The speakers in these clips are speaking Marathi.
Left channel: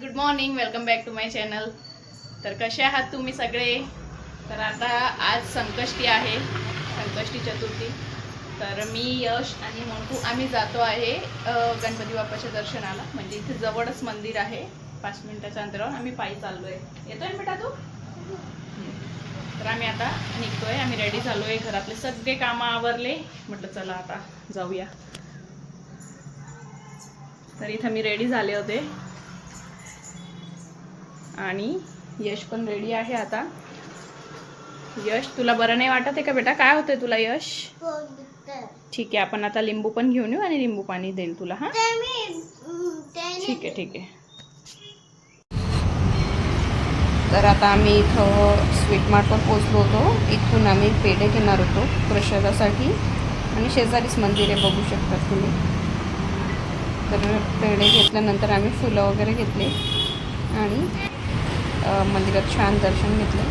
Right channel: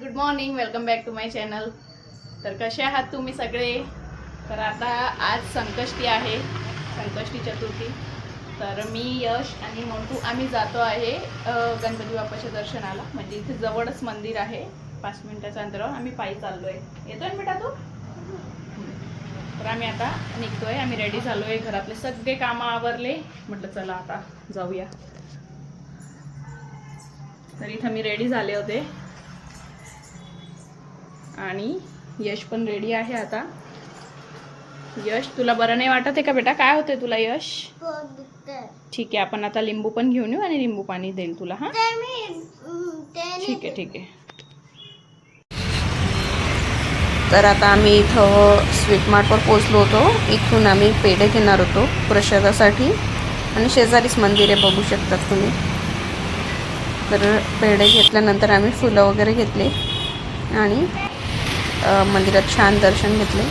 Good morning, welcome back to my channel. तर कसे आहात तुम्ही सगळे? तर आता आज संकष्टी आहे, संकष्टी चतुर्थी. तर मी, यश आणि मोंटू आम्ही जातो आहे गणपती बाप्पाच्या दर्शनाला. म्हणजे इथे जवळच मंदिर आहे, 5 मिनिटाच्या अंतरावर. आम्ही पायी चाललोय. येतोय ना बेटा तू? तर आम्ही आता निघतोय. आम्ही रेडी झालोय, घरातले सगळे कामं आवरले. म्हटलं चला आता जाऊया. तर इथं मी रेडी झाले होते आणि यश पण रेडी आहे आता. यश, तुला बरं नाही वाटत आहे का बेटा? काय होतंय तुला यश? ठीक आहे, आपण आता लिंबू पण घेऊन येऊ आणि लिंबू पाणी देईल तुला. हा ठीक आहे, ठीक आहे. तर आता आम्ही इथं स्वीट मार्टवर पोचलो होतो. इथून आम्ही पेढे घेणार होतो प्रसादासाठी आणि शेजारीच मंदिर आहे, बघू शकतात तुम्ही. तर पेढे घेतल्यानंतर आम्ही फुलं वगैरे घेतले आणि मंदिरात छान दर्शन घेतले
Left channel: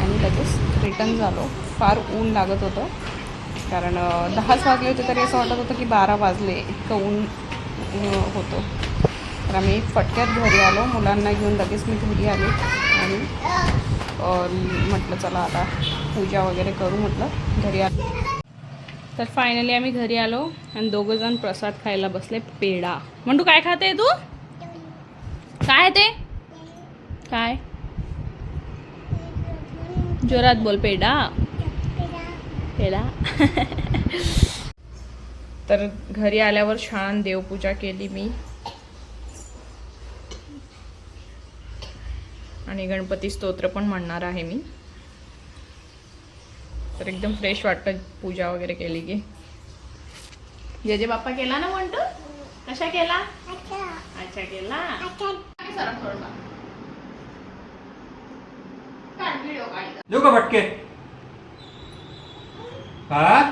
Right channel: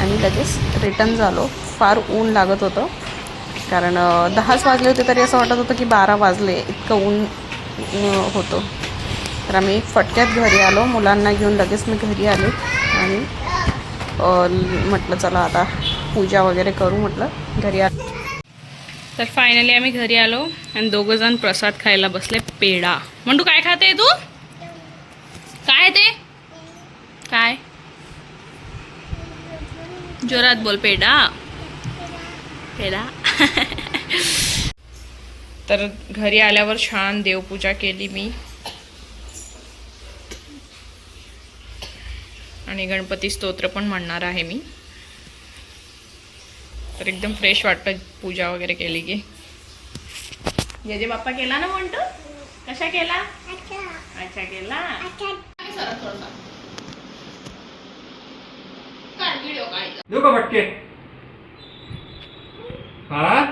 आणि लगेच रिटर्न झालो. फार ऊन लागत होतं, कारण 10च वाजले होते तरी असं वाटत होतं की 12 वाजले, इतकं ऊन होतं. तर आम्ही फटक्यात घरी आलो. मुलांना घेऊन लगेच मी घरी आले आणि म्हटलं चला आता पूजा वगैरे करू, म्हटलं घरी आलो. तर फायनली आम्ही घरी आलो आणि दोघंजण प्रसाद खायला बसले. पेढा. म्हणतो काय खाते तू? काय ते? काय? जोरात बोल. पेढा. पेढा. तर घरी आल्यावर छान देवपूजा केली मी आणि गणपती स्तोत्र पण म्हणणार आहे मी. तर एकदम फ्रेश वाटतं पूजा वगैरे केली की. जे बाप्पा केला ना म्हणतो? कशा केला? अच्छा केला. देऊ का फटके? हा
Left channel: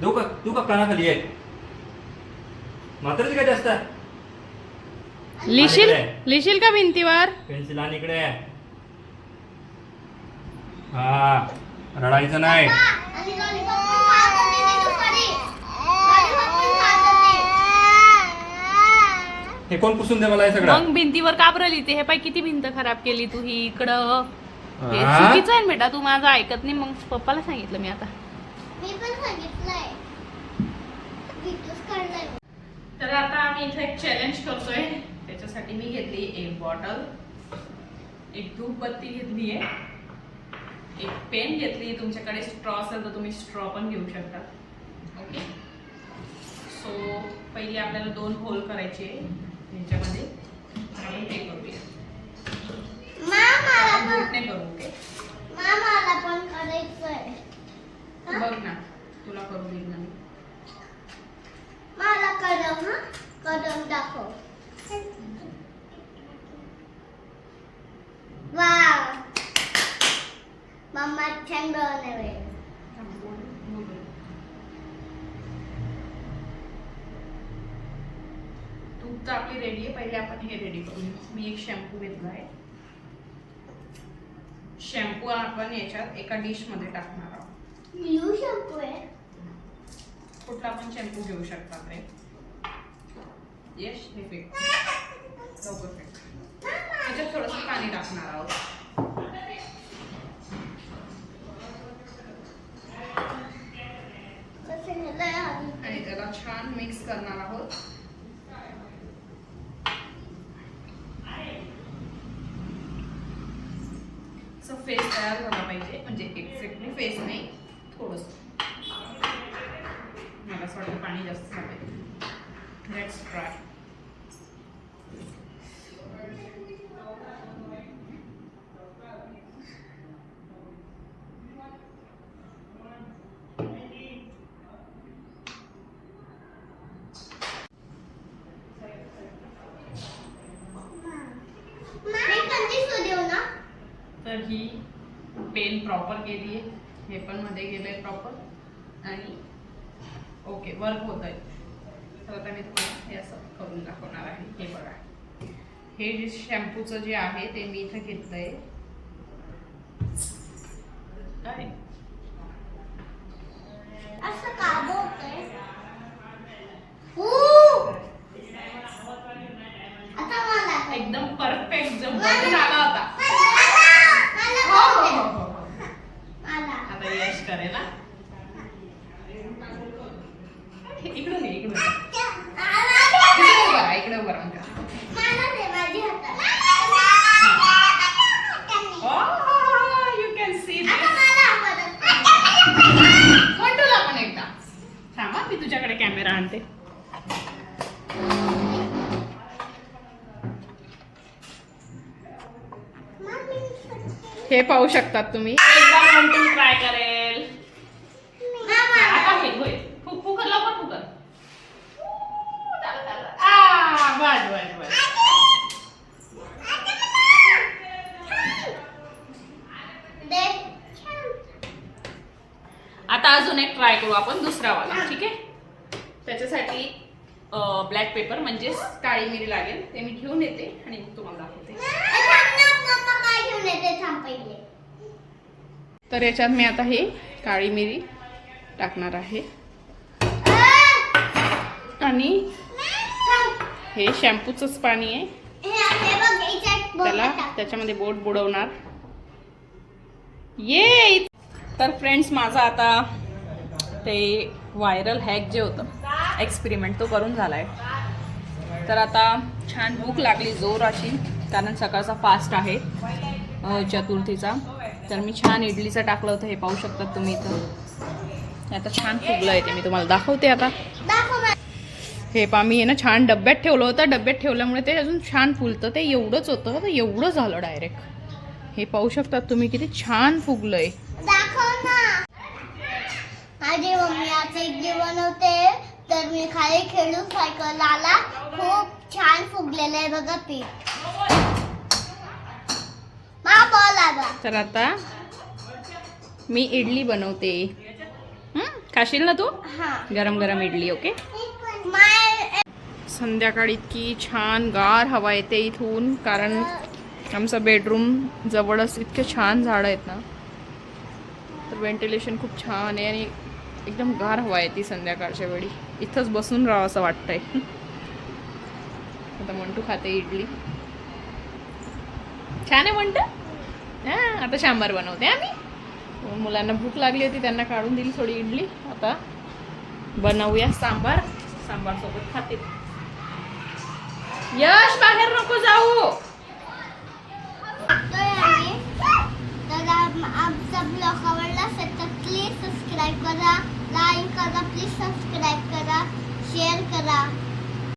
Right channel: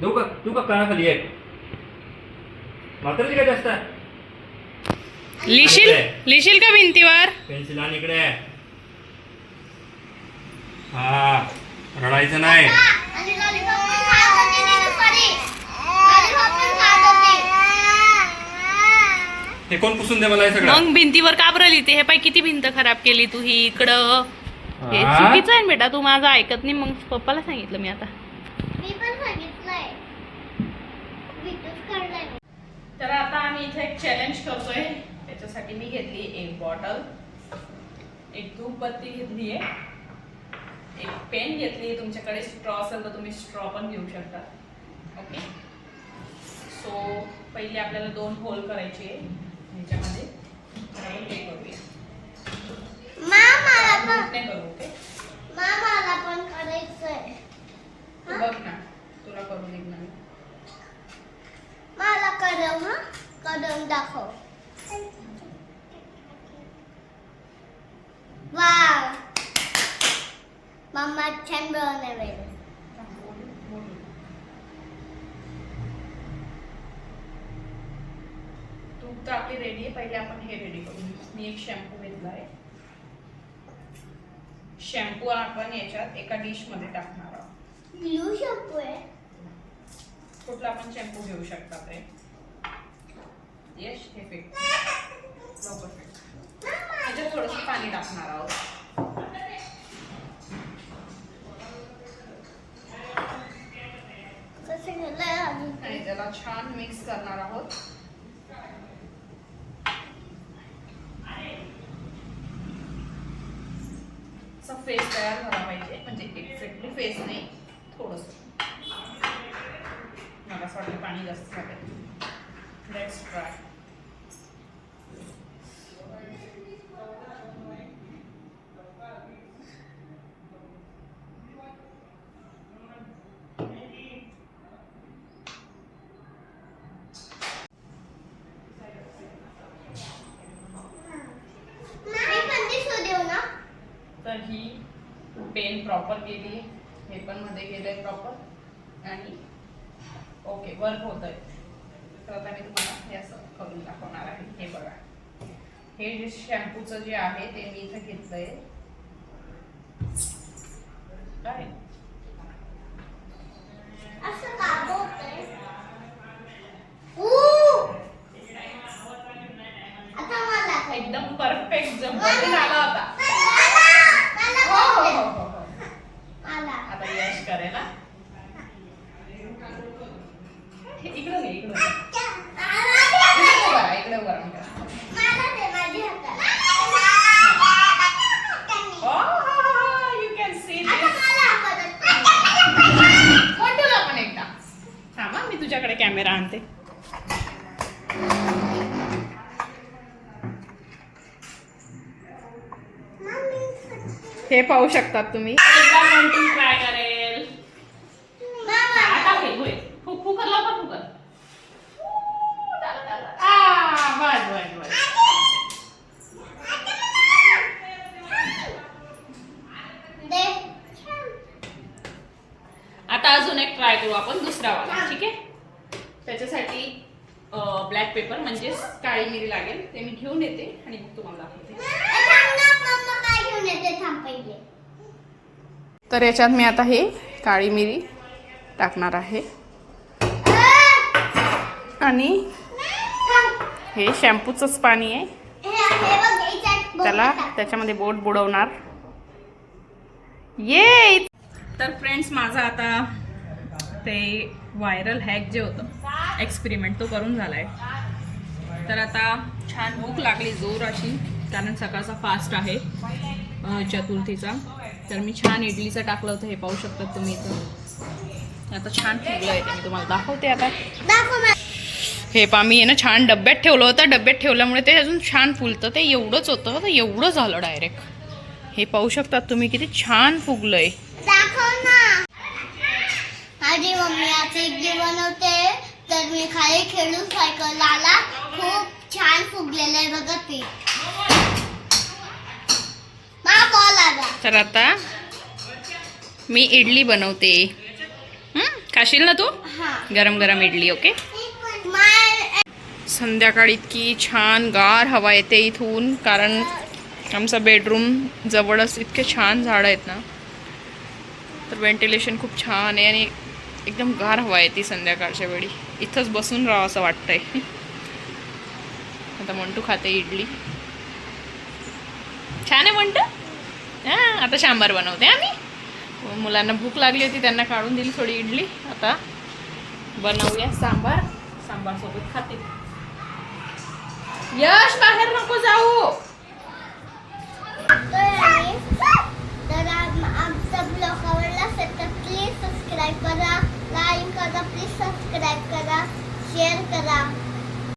देऊ का कानाखाली आहे? मात्र काय जास्त लिहिशील का भिंतीवर? पेन्सिल आणि इकडे. हा, रडायचं नाही. हे कोण पुसून दे मला हे सगळं? मग भिंतीवर का बरं लिहिते? हे पाय किती भिंत खराब केली तू ही इकडं. हे चुकीचं आहे बेटा, तू माझं ऐकत नाही. मग पप्पाला सांगितलं मी आता. तर आता आम्ही इथे एक चॅलेंज करतोय. त्याच्यासाठी मी घेतली एक बॉटल, एक धूपबत्ती घेतली आहे, एक पेन घेतली आहे. तुमच्याकडे स्ट्रॉ असेल तर तुम्ही स्ट्रॉ पण घेऊ शकता. ओके. सो पहिले आपल्याला 2 होल करायचे ह्याच्यामध्ये. आपण हे करूया. करू. ओके. बघ ना, तुला करू दे ना. करून दाखव. वाव, मम्मा छान बनवले. तूप तर आपली रेडी आहे. पहिले आपण हे रेडी करू. मी एक शॅम्पू घेतला आहे. शॅम्पू आपण याच्यात एका डिश मध्ये टाकणार आहोत. ब्लू शॅम्पू आहे. कुठला पण शॅम्पू घेऊ शकता ते. येस, हे फेक. लवकर फेक. त्याच्यात थोडंसं पाणी टाकणार आहोत. आणि त्याला छान मिक्स करणार आहोत. असं फेस तयार झाला पाहिजे, म्हणजे एक्झॅक्टली फेस नाही, थोडंसं. मला असं वाटतं पाणी जास्त झालंय. Let's try. तर ही पेन प्रॉपर गेली आहे, हे पण मध्ये गेलंय प्रॉपर आणि ओके, वर्क होत आहे. तर आता मी तुम्हाला हे असं करून दाखवणार आहे. हे बघा, हे जे शॅम्पूचं जे आहे ते मी इथं घेतलंय. काय असं का बोलतोय? झाला होता. मला हो हो बघू हो दे. हो हो. मला. आता यश करेल हा. इकडे ये, इकडे ये. इकडे उभा राहा, इकडे उभा राहा. मला दे माझी हातात. Oh, you can see आता this. मला परत. मंटूला पण एकदा. थांबा मी तुझ्याकडे कॅमेरा आणते. हे पाहू शकतात तुम्ही. एकदा मंटू ट्राय करेल. मामा. आता हे होय. फुकर लवकर फुकर. बस बस बस. दे. आता अजून एक ट्राय करू आपण दुसरा वाला. ठीक आहे. त्याच्यासाठी ब्लॅक पेपर म्हणजेच काळी मिरी लागेल. ते मी घेऊन येते आणि मग तुम्हाला दाखवते. थांब ना, मम्मा काय घेऊन येते थांब पहिले. तर याच्यात मी आता हे काळी मिरी टाकणार आहे आणि हे शॅम्पूचंच पाणी आहे. हे बघ याच्यात त्याला त्याच्यामध्ये बोट बुडवणार. ये. तर फ्रेंड्स माझा आता ते व्हायरल हॅक जे होतं एक्सपेरिमेंट तो करून झालाय. तर आता छान भूक लागली जोर अशी, कारण सकाळचा फास्ट आहे चतुर्थीचा. तर मी छान इडलीचं टाकलं होतं. हे पाहू शकतात तुम्ही इथं. आता छान फुगलं आहे ते मी तुम्हाला दाखवते आता. दाखव ना. हे पा मी आहे ना छान डब्यात ठेवलं होतं. डब्यात ठेवल्यामुळे ते अजून छान फुलतं. ते एवढंच होतं तर एवढं झालं डायरेक्ट. हे पाहू शकतात तुम्ही किती छान फुगलंय. दाखव ना. माझी मम्मी आज इडली बनवते तर मी खाली खेळून सायकल आला. खूप छान फुगलेलं आहे बघा पीठ. मला बॉल आला. तर आता मी इडली बनवते. खाशील ना तू? हा. गरम गरम इडली. ओके. माय संध्याकाळी इतकी छान गार हवा येते इथून, कारण आमचा बेडरूम जवळच इतके छान झाडं आहेत ना, तर व्हेंटिलेशन खूप छान आहे आणि एकदम गार हवा येते संध्याकाळच्या वेळी. इथंच बसून राहावं असं वाटतंय. आता मंटू खाते इडली. छान आहे मंटू. हां आता सांबार बनवते आम्ही. मुलांना भूक लागली होती, त्यांना काढून दिली थोडी इडली. आता बनवूया सांबार. सांबार सोबत खाते. यश बाहेर नको जाऊ. तर आमचा ब्लॉग आवडला असेल तर प्लीज सबस्क्राईब करा, लाईक करा, प्लीज सबस्क्राईब करा, शेअर करा.